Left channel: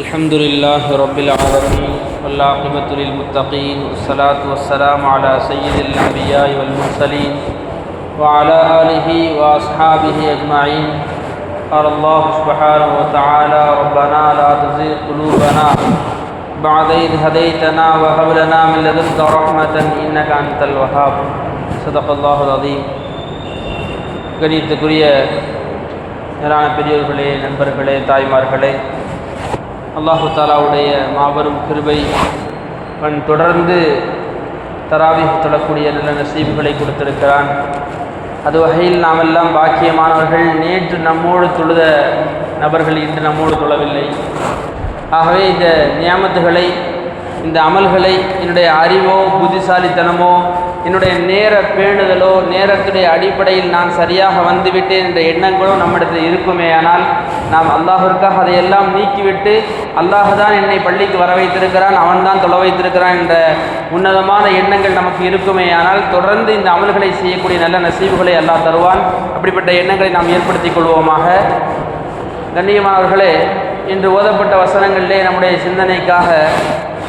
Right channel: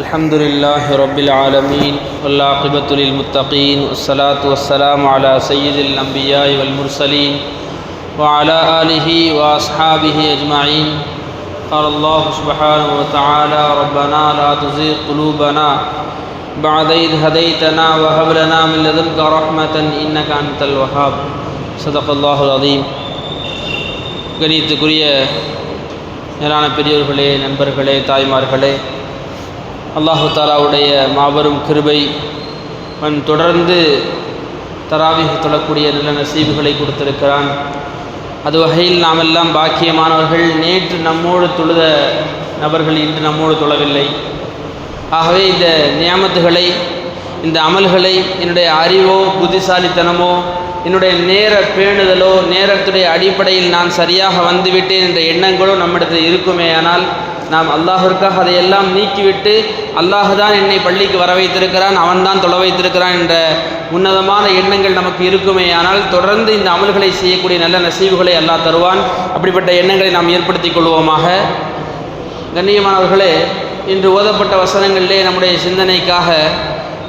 الحمد لله رب العالمين والعاقبة للمتقين والصلاة والسلام على سيد الأنبياء والمرسلين وعلى آله وأصحابه أجمعين. قال الله سبحانه وتعالى: ربنا لا تزغ قلوبنا بعد إذ هديتنا وهب لنا من لدنك رحمة إنك أنت الوهاب. صدق الله العظيم. கணியத்துக்குரிய மேலான பெரியோர்களே, நண்பர்களே, தாய்மார்களே, அல்லாஹு தாலாவுடைய மாபெரும் கிருபை தொடர்ந்து தராவீஹ் தொழக்கூடிய நல்ல நசீபுகளை கொடுத்திருக்கிறான். அது வகையில் நாமெல்லாம் பாக்கியமானவர்கள். நேற்று நம்மோடு தொழுத நபர்கள் இன்று நம்மோடு தொழவில்லை. ஆகவே இந்த நியாமத்துகளை, இந்த அமல்களை என்னுடைய அறிவோ புத்திசாலித்தனமோ என்னுடைய நேர பேணுதலோ நேரத்துடைய அடிப்படையில் நான் சரியாக வந்துவிட்டேன் என்ற எண்ணங்களோ நம்மிடத்தில் இருக்குமேயானால் நாம் அல்லாஹிற்காக அதையெல்லாம் நீக்கிவிட்டு அல்லாஹ் தான் என்னை பள்ளிக்கு வர வைத்திருக்கிறான், அவன் தான் தொலை வைத்திருக்கிறான் என்ற உன்னதமான எண்ணங்கள் நமக்கு இருக்குமேயானால் தொடர்ந்து இந்த அமல்களை செய்யக்கூடிய நல்ல நசீபுகளை அல்லாஹ் தருவான். அப்படிப்பட்ட எண்ணங்களை நாம் ஏற்படுத்திக் கொள்வோமாக. கண்ணியமானவர்களே, இன்று ஓதப்பட்ட வசனங்களிலே நம்முடைய சிந்தனைக்காக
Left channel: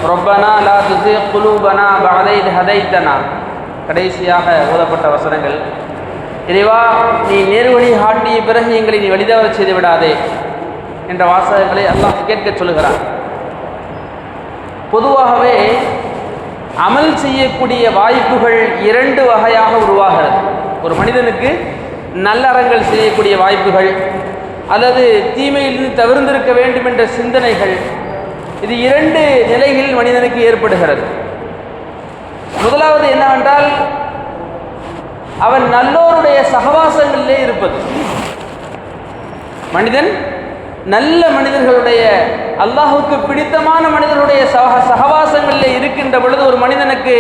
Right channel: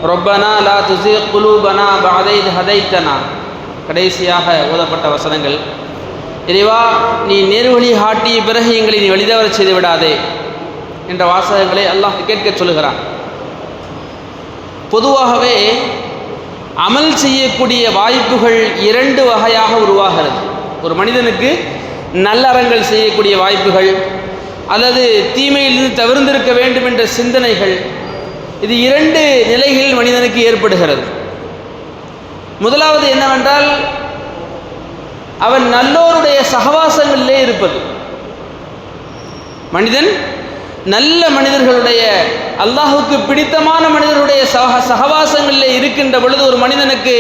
ரப்பனா லா துஸிக் குலூபனா பஅத இத் ஹதைத்தனா, கடைசியாக ஓதப்பட்ட வசனங்கள். இறைவா, நீ நேர்வழி காட்டிய பிறகு எங்களை நீ வழிதவற செய்து விடாதே என்ற வாசகங்களை அல்லாஹ் கேட்க சொல்லுகிறான். பொதுவாகவே அமல் செய்யக்கூடிய வாய்ப்புகள் இரண்டு வகையாக உருவாகிறது. ஒரு மனிதனுக்கு நல்லறங்கள் செய்யக்கூடிய வாய்ப்புகள் அல்லது தீமையிலிருந்து தவிர்ந்திருக்க வேண்டும் என்ற சிந்தனைகள், இது இரண்டு நிலைகளில் மனிதனுக்கு ஏற்படுகிறது. முதலாவது என்னவென்றால், அவன் நல்லோருடைய சகவாசங்களிலே இருப்பது. மனிதன் நல்ல மனிதர்களுடைய, அல்லாஹுக்கு பிடித்தமான மனிதர்களுடைய சகவாசங்களிலே இருக்கின்ற பொழுது ஒரு மனிதனுக்கு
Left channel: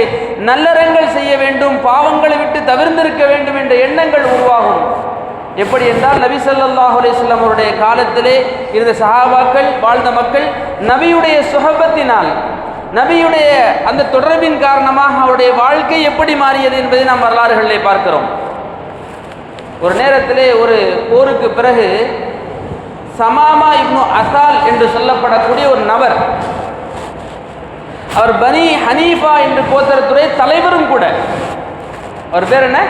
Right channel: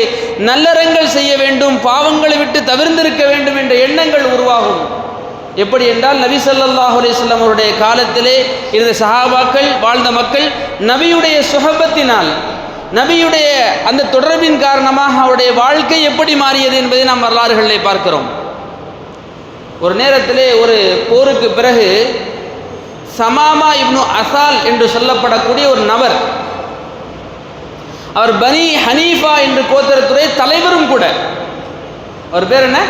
நல்லறங்கள் செய்ய வேண்டும், பாவங்களை விட்டு தவிர்ந்திருக்க வேண்டும் என்ற எண்ணங்கள் உருவாகும். எப்படி என்றால், நபி ஸல்லல்லாஹு அலைஹி வஸல்லம் அவருடைய காலத்திலே இருந்த சஹாபாக்கள், வாழ்ந்த மக்கள் நபியுடைய சுஹபத்தினால், நபியுடைய அந்த தொடர்பின் காரணமாக அவருடைய வாழ்க்கை எப்படி மாறியது என்பதை நாம் வரலாறுகளிலே பார்க்கிறோம். ஒரு நேரத்திலே ஒரு போருக்கு பிறகு சமாமா இப்னு அசால் என்று சொல்லப்படக்கூடிய ஒரு நபர், அவர் பனி ஹனீஃபா என்று கோத்திரத்துடைய தலைவரும் கூட. அவர் பேர் என்ன?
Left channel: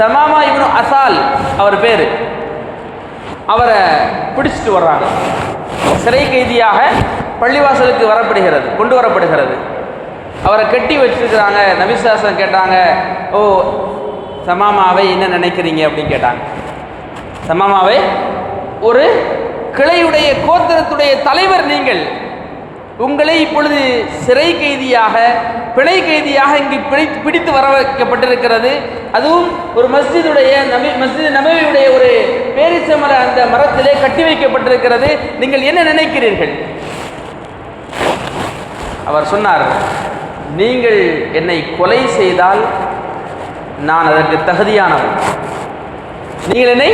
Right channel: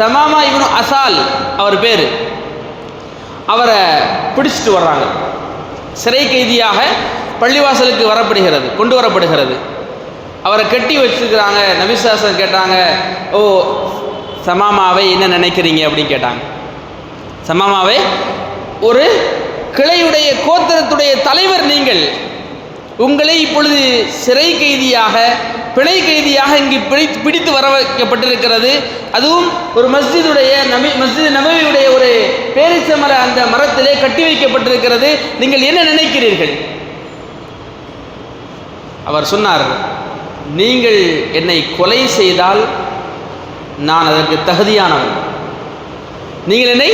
சமாமா இப்னு அசால் அவர் பேர். அவரை பிடிச்சிட்டு வர்றாங்க. சிறை கைதியாக பள்ளிவாசலுக்கு கொண்டு வரப்படுகிறது. அவரை கட்டி வச்சிருக்கிறாங்க. நபி ஸல்லல்லாஹு அலைஹி வஸல்லம் கேட்டாங்க, ஓ சமாமாவை என்ன நினைக்கிறீங்க அப்படின்னு கேட்டாங்க. சமாமாவை, ஒரு கிளையுடைய கோத்திரத்துடைய தலைவர் நீங்கள், உங்களை இப்பொழுது சிறை கைதியாக, பிணை கைதியாக இங்கு பிடித்து வர வைக்கப்பட்டிருக்கிறது. அதுவும் ஒரு மஸ்ஜித் நபவியுடைய ஒரு பேரிச்சமர அந்த மரத்திலே கட்டி வைக்கப்பட்டிருக்கிறது. நீங்கள் என்ன நினைக்கிறீர்கள்? அவர் சொன்னார், நீங்கள் என்னை கொலை செய்தால் நான் அதற்கு தகுதியானவன். நீங்கள் என்னை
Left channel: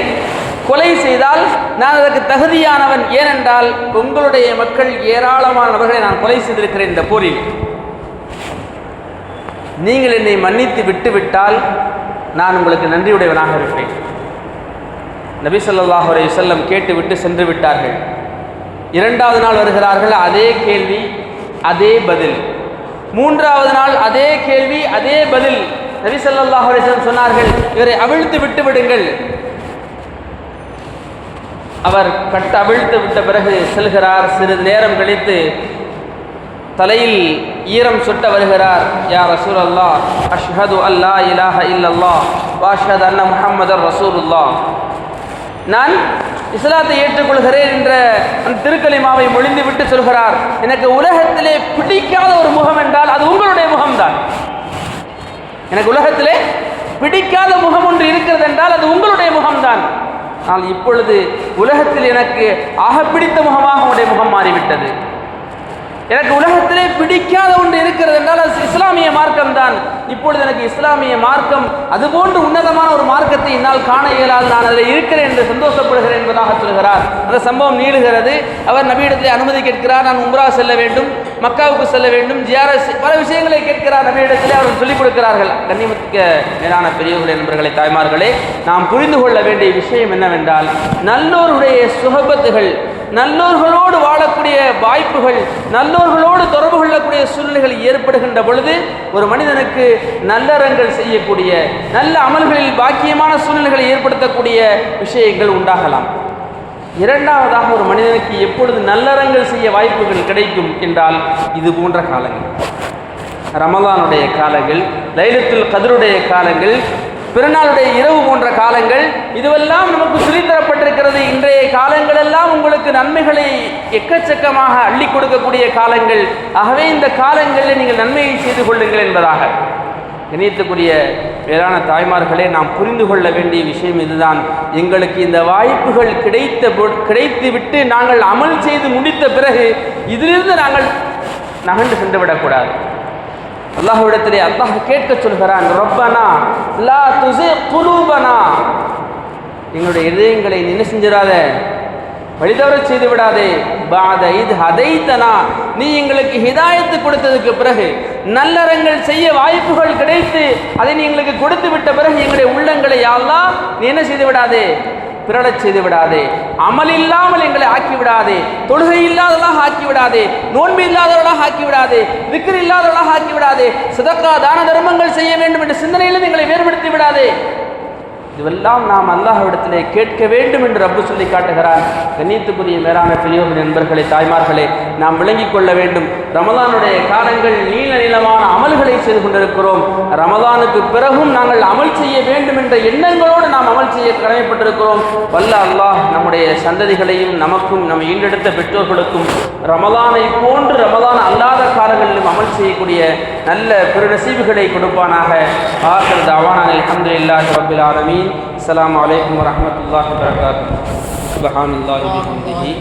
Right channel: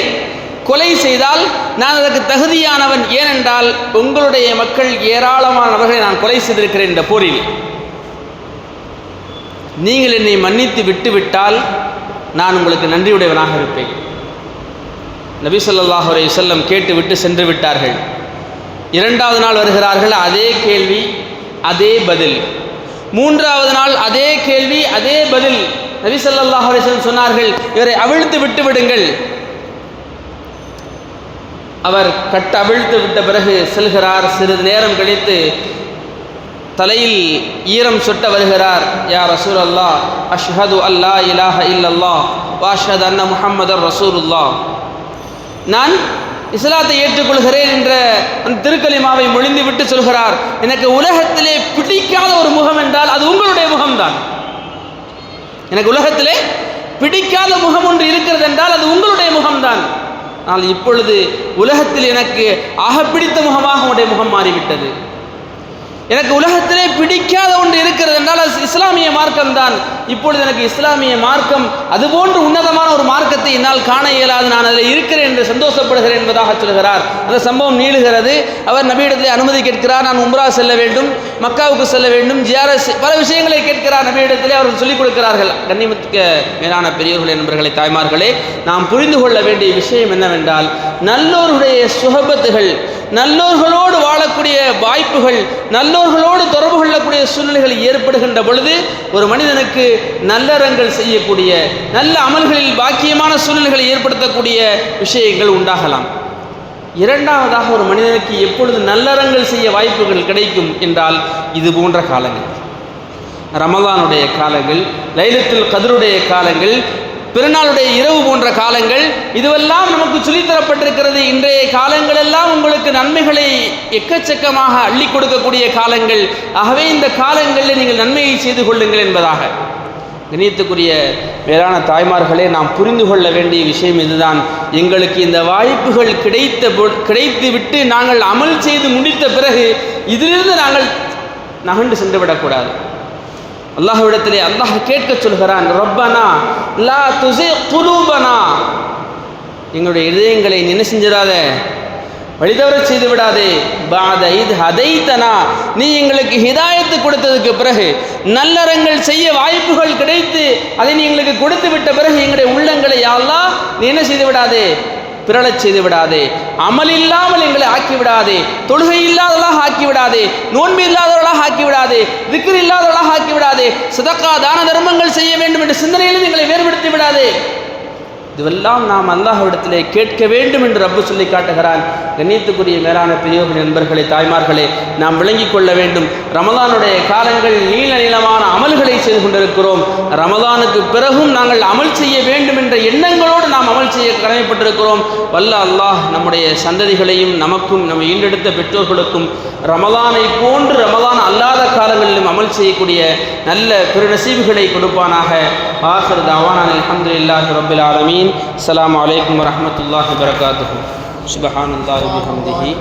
கொலை செய்தால் நான் அதற்கு தகுதியானவன். ஏனென்றால் உங்களுடைய மக்கள் ஏராளமானவர்களை நான் கொலை செய்திருக்கிறேன் இந்த போரில். நீங்கள் என்னை மன்னித்து விட்டுவிட்டால் நான் உங்களுக்கு நன்றியுடையவனாக இருப்பேன். நபி ஸல்லல்லாஹு அலைஹி வஸல்லம் கேட்டுவிட்டு சென்று விட்டார்கள். இரண்டாவது நாள் வருகிறார்கள், அதே கேள்வி, அதே பதில். மூன்றாவது நாள் அதே கேள்வி, அதே பதில். நபி ஸல்லல்லாஹு அலைஹி வஸல்லம் சொன்னார்கள், இவரை அவிழ்த்து விட்டு விடுங்கள். அவர் அவிழ்த்து விட்ட பிறகு செல்கிறார். சிறிது நேரம் கழித்து தலையில் ஈரம் சொட்ட வருகிறார். யா ரசூலல்லாஹ், அஷ்ஹது அல்லா இலாஹ இல்லல்லாஹ் வ அஷ்ஹது அன்ன முஹம்மதர் ரசூலுல்லாஹ், நான் இஸ்லாத்தை ஏற்றுக்கொள்கிறேன் என்ற அந்த திருக்கலிமாவை மொழிந்து விட்டு சொல்கிறார். எனக்கு உலகத்திலே பிடிக்காத ஒரு முகம் என்றால் அது உங்களுடைய முகம்தான். எனக்கு உலகத்திலே பிடிக்காத முகம் ஒன்று இருக்கிறது என்றால் அது உங்களுடைய முகம்தான். ஆனால் இப்பொழுது உலகத்தில் எனக்கு ஆக பிடித்த முகமாக உங்களுடைய முகம் மாறிவிட்டது. எனக்கு உலகத்திலே பிடிக்காத ஒன்று இருக்கிறது என்றால் அது இஸ்லாமிய மார்க்கம் தான். இப்பொழுது எனக்கு இஸ்லாமிய மார்க்கம் அதுபோன்று உன்னதமான ஒரு மார்க்கத்தை என்னால் காண இயலாது, நான் அதில் இருக்கிறேன் என்று சந்தோஷப்படுகிறேன் என்பதாக சொல்கிறார். அந்த சம்பவம் நீளுகிறது. அவர் நபியிடத்திலே அனுமதி கேட்கிறார். நான் உம்ரா செல்ல வேண்டும், மக்காவுக்கு செல்ல வேண்டும், ஜியாரத் பல விஷயங்களை கேட்கிறார். நபியிடத்திலே அவர்கள் சொல்லிக் கொடுக்கிறார்கள். கண்ணியமிக்க மேலான பெரியவர்களே, நண்பர்களே, தாய்மார்களே, நாம் புரிந்து கொள்ள வேண்டிய விஷயம் என்னவென்றால், நல்லோருடைய சுஹபத்துகள், நல்லோர்களோடு வாழக்கூடிய வாய்ப்புகள், நல்லோர்களோடு தொடர்பு கொள்ளக்கூடிய சூழ்நிலைகள் ஏற்படுகின்ற பொழுது ஒரு மனிதனுக்கு நல்லறங்கள் செய்யக்கூடிய, நல்ல அமல்களில் பாக்கியமான சூழ்நிலைகளை ஏற்படுத்தக்கூடிய விஷயங்கள் உண்டாகலாம். இரண்டாவதாக, ஒரு மனிதனுக்கு எப்பொழுது நல்லறங்கள் செய்ய வாய்ப்புகள் கிடைக்கும் என்றால் இது போன்ற காலங்கள், ரமலானுடைய காலங்கள், லைலத்துல் கத்ருடைய காலங்கள், பிறநாளுடைய இரவு போன்ற காலங்கள், இதுவெல்லாம் நமக்கு சொல்லித்தரப்பட்டிருக்கிறது. இன்றைய காலங்கள் எல்லாம் உங்களுக்கு நன்மைகளை எக்கச்சக்கமாக அள்ளி கொடுக்கக்கூடிய காலங்கள். ஆகவே இந்த காலங்களில் நீங்கள் நன்மையை செய்து கொள்ளுங்கள் என்பதாக. கணியத்துக்குரிய வேளாண் தாய்மார்களே, நாம் புரிந்து கொள்ள வேண்டிய விஷயம் இதுதான். எங்களுக்கு இந்த வாய்ப்புகள் கிடைத்துவிட்டு நாங்கள் அமல் செய்து முடித்த பிறகு இதிலிருந்து நாங்கள் நகண்டு சென்று விடக்கூடாது. அல்லாஹ்விடத்திலே அல்லாஹ் கேட்க சொல்கிறான், ரப்பனா லா துஸி குலூபனா, எங்களுடைய இதயங்களை என்ன செஞ்சிடாத, வழிதவற செய்து விடாதே. பாத இத் ஹதைதனா, நீ எங்களுக்கு ஹிதாயத்து கொடுத்ததுக்கு பிறகு, நல்லறங்கள் செய்ய வாய்ப்புகள் கிடைத்து அதை நீ எங்களுக்கு கொடுத்து விட்ட பிறகு எங்களுடைய உள்ளங்களை யா அல்லாஹ் நீ என்ன செய்து விடாதே, பிறழச் செய்து விடாதே. அமல் இல்லாமல் எங்களை ஆக்கிவிடாதே, தொழுகை இல்லாதவர்களாக ஆக்கிவிடாதே, நோன்பு இல்லாதவர்களாக ஆக்கிவிடாதே, திக்ர் இல்லாதவர்களாக ஆக்கிவிடாதே, சதக்கா தான தர்மங்கள் செய்ய வேண்டும் என்ற சிந்தனையிலிருந்து எங்களை வேறுபடுத்தி விடாதே. இதுவெல்லாம் நாம் அல்லாஹ்விடத்திலே கேட்க வேண்டும் என்று ரப்பு சொல்லி காட்டுகிறான். கண்ணியத்துக்குரிய மேலான பெரியோர்கள், நண்பர்களே, தாய்மார்களே, நாம் விளங்கிக் கொள்ள வேண்டும். ரமலானுடைய காலங்கள் நீள நீளமான அமல்களை செய்து கொண்டிருக்கிறோம். ரமலானுக்கு பிறகும் நாங்கள் அமல் செய்ய வேண்டும் என்ற எண்ணங்களோடு நாம் அமல் செய்ய கடமைப்பட்டிருக்கிறோம். வல்ல அல்லாஹ் நம்முடைய சந்ததிகளையும் நமக்கும் நம்ம ஈண்டெடுத்த பெற்றோர்களுக்கும் ரமலானை போன்று ரமலான் அல்லாத காலங்களிலும் அமல் செய்யக்கூடிய நல்ல பெருநசீபுகளை கொடுப்பானாக. ஆகிர் தஅவானா அல்ஹம்துலில்லாஹி ரப்பில் ஆலமீன். அஸ்ஸலாமு அலைக்கும் வரஹ்மத்துல்லாஹி வபரகாத்துஹு. சுப்ஹானல்லாஹி வபிஹம்திஹி.